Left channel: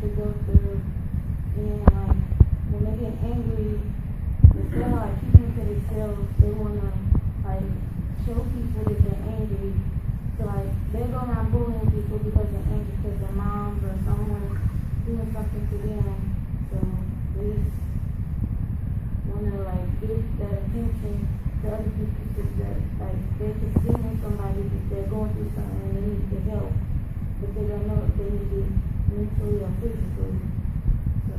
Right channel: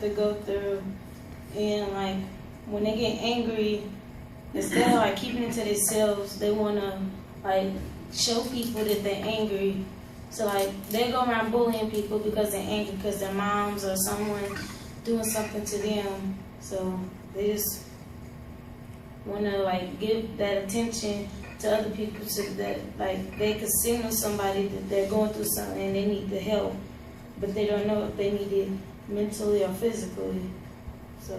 have to go through, and like when they get angry, instead of like keeping it to themselves, they wanna like show people that they're angry. So like they go around bullying people because they're angry because their moms or someone doing something to them. So they just wanna like give that attention to other people so that like they can signal somebody that they're going through something and they need the help, but they don't know if they need it mentally or physically. So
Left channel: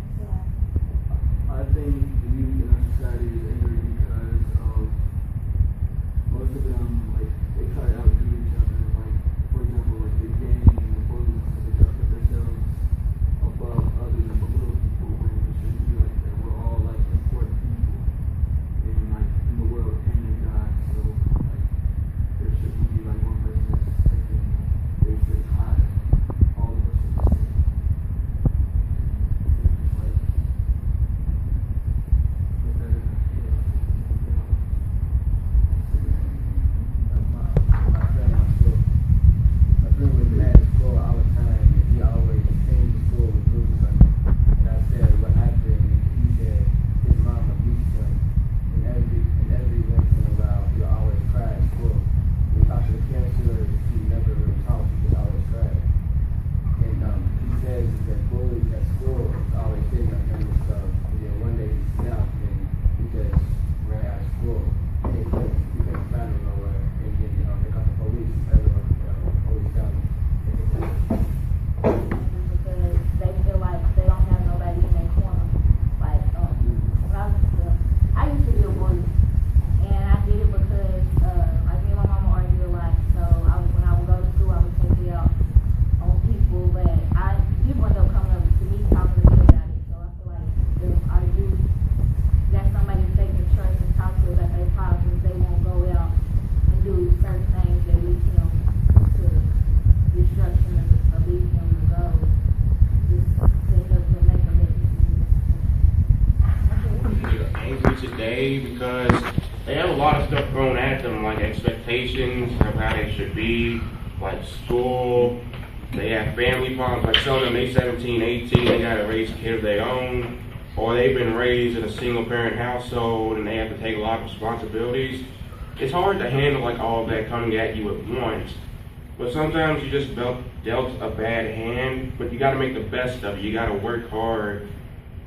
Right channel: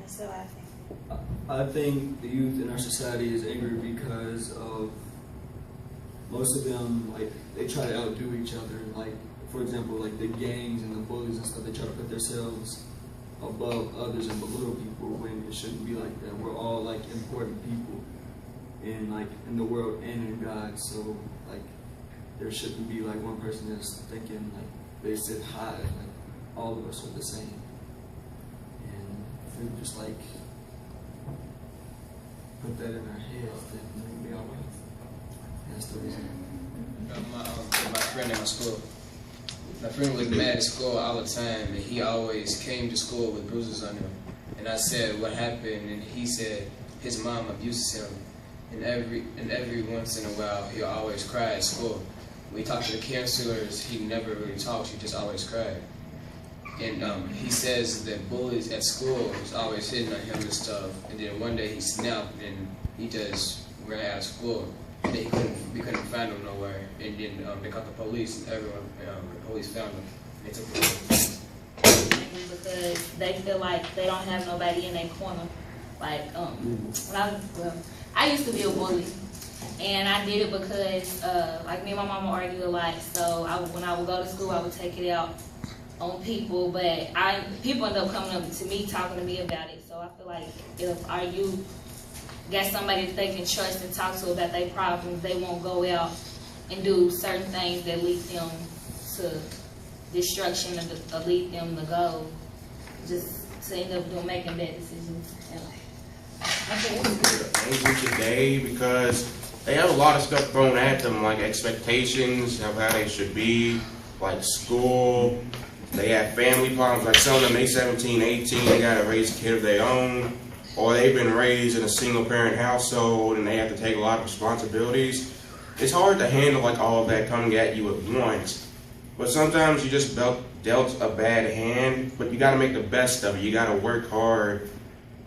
that's how I think. I think the youth in our society is angry because of most of them, like, they try to outdo each other. Like, for example, like the gangs and the bullies and stuff, they try to put themselves above others and belittle people when it shouldn't be like that. We're all like important people in the world and in God. So like there shouldn't be like one person that's thinking like they sit high, like all of us are the same. And if we just like put that in our heads, then we'll be all right. That's the reason. My friend in my school. My friend was mad at school all the time, and he always came to school with bruises on him. And I said, "What happened?" And he said his mom abuses him, and every once in a while he'll always cry at school. When he talked to the counselors, he never really talked. He just always cried. And he says that bullies at school was always hitting on him and stuff. And then one day he snapped and he just ran out of school. And then we couldn't find him nowhere. And then they called the police, and the police found him. They took him away. Because they feel like they don't have nobody in their corner. Like I used to be a bully, and I did it because like me and my mama argued a lot. So when I would go to school, I would take it out on people. But people end up coming up to me, talking to me about it. So I feel like if our youth got somebody that they can trust and talk to about their problems, they won't go out and do certain things that lead them to destruction or lead them to go just to end up making bad decisions. I think they're angry today because they have a lot of stuff thrown at them, like expectations of how they should be, like school. They have family problems, like some of them, they 17, 18, they gotta raise a kid of their own, or they've been raised in a single parent household and they have to take a lot of responsibilities. It's hard to handle like all of that coming at you at once. But sometimes you just dealt a bad hand, but you gotta make the best of it. You gotta work hard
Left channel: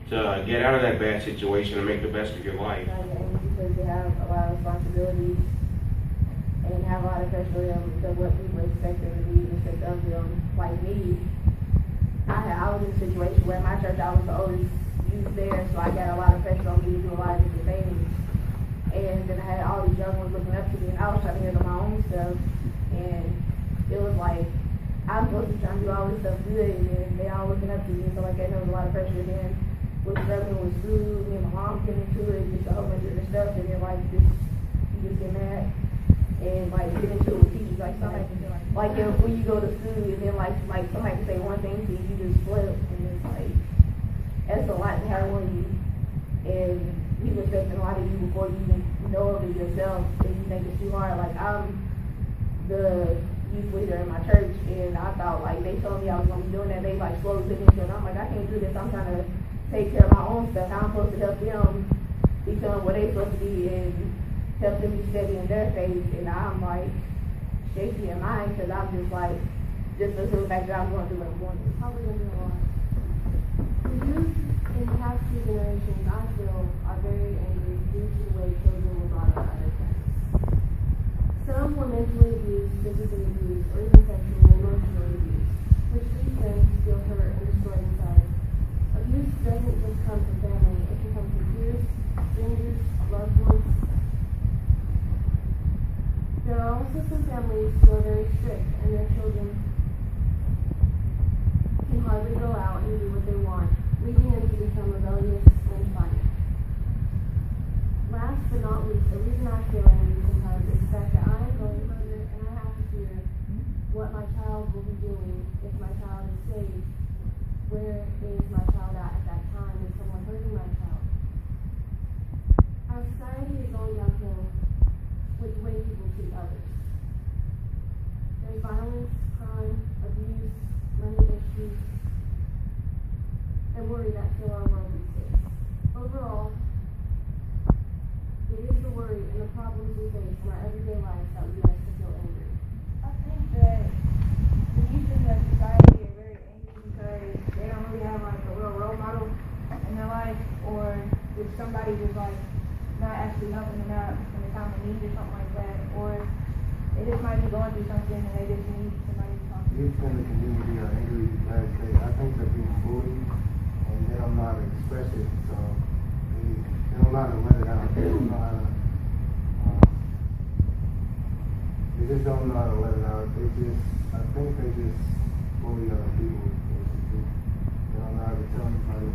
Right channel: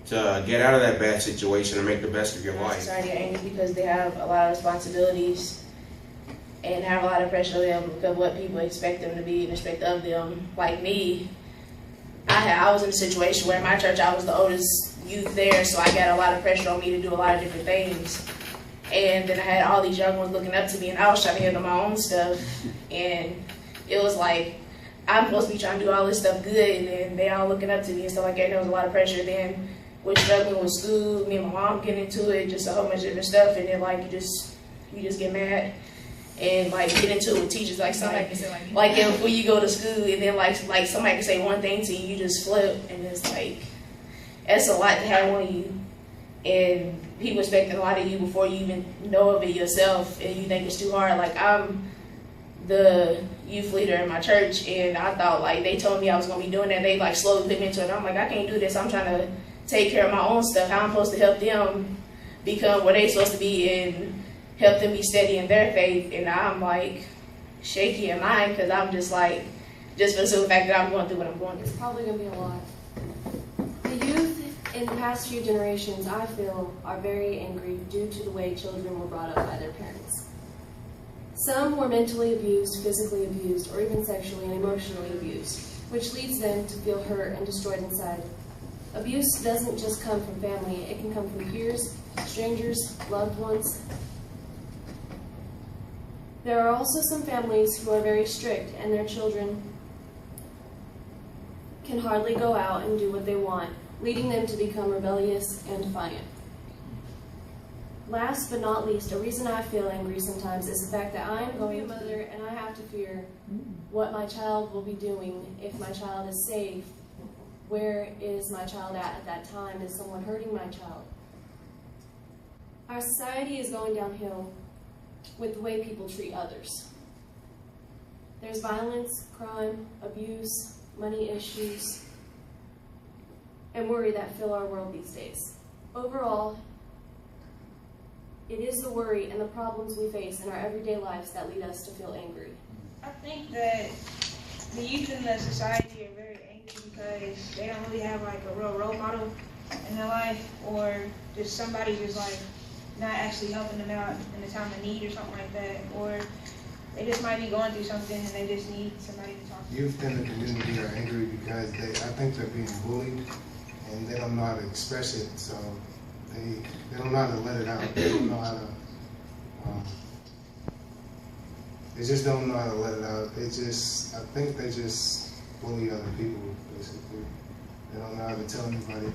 to get out of that bad situation and make the best of your life. Society are angry because they have a lot of responsibilities and have a lot of pressure on them because of what people expect them to be and expect of them. Like me, I was in a situation where in my church I was the oldest youth there, so I got a lot of pressure on me to do a lot of different things. And then I had all these young ones looking up to me, and I was trying to handle my own stuff. And it was like, I'm supposed to be trying to do all this stuff good, and then they all looking up to me and stuff like that. And there was a lot of pressure. Then with struggling with school, me and my mom getting into it, just a whole bunch of different stuff. And then like you just get mad and like get into it with teachers. Like somebody can say like if, when you go to school and then like somebody can say one thing to you, you just flip, and it's like that's a lot to have on you. And people expecting a lot of you before you even know of it yourself, and you think it's too hard. Like I'm the youth leader in my church, and I thought like they told me I was gonna be doing that. They like slowly put me into it. And I'm like, I can't do this. I'm trying to take care of my own stuff. How I'm supposed to help them become where they're supposed to be and help them be steady in their faith. And I'm like shaky in mine because I'm just like, just for the simple fact that I'm going through what I'm going through. It's probably gonna be a lot. The youth in the past few generations, I feel, are very angry due to the way children were brought up by their parents. Some were mentally abused, physically abused, or even sexually and emotionally abused, which leads them to feel hurt and destroyed inside. Abuse doesn't just come from family, it can come from peers, strangers, loved ones. There are also some families who are very strict, and their children can hardly go out and do what they want, leading them to become rebellious and defiant. Last but not least, a reason I feel angry sometimes is the fact that I'm going to be a mother and I have to fear what my child will be doing if my child is safe. Where is my child at that time? Is someone hurting my child? Our society is going downhill with the way people treat others. There's violence, crime, abuse, money issues, and worry that fill our world these days. Overall, it is the worry and the problems we face in our everyday lives that lead us to feel angry. I think that the youth in the society are very angry because they don't really have like a real role model in their life, or just somebody just like not actually helping them out in the time of need or something like that, or they just might be going through something and they just need somebody to talk to. Youth in the community are angry because I think they're being bullied and they don't know how to express it, so they don't know how to let it out. They don't know how to, they just don't know how to let it out. I think they just bully other people, basically. They don't know how to tell anybody.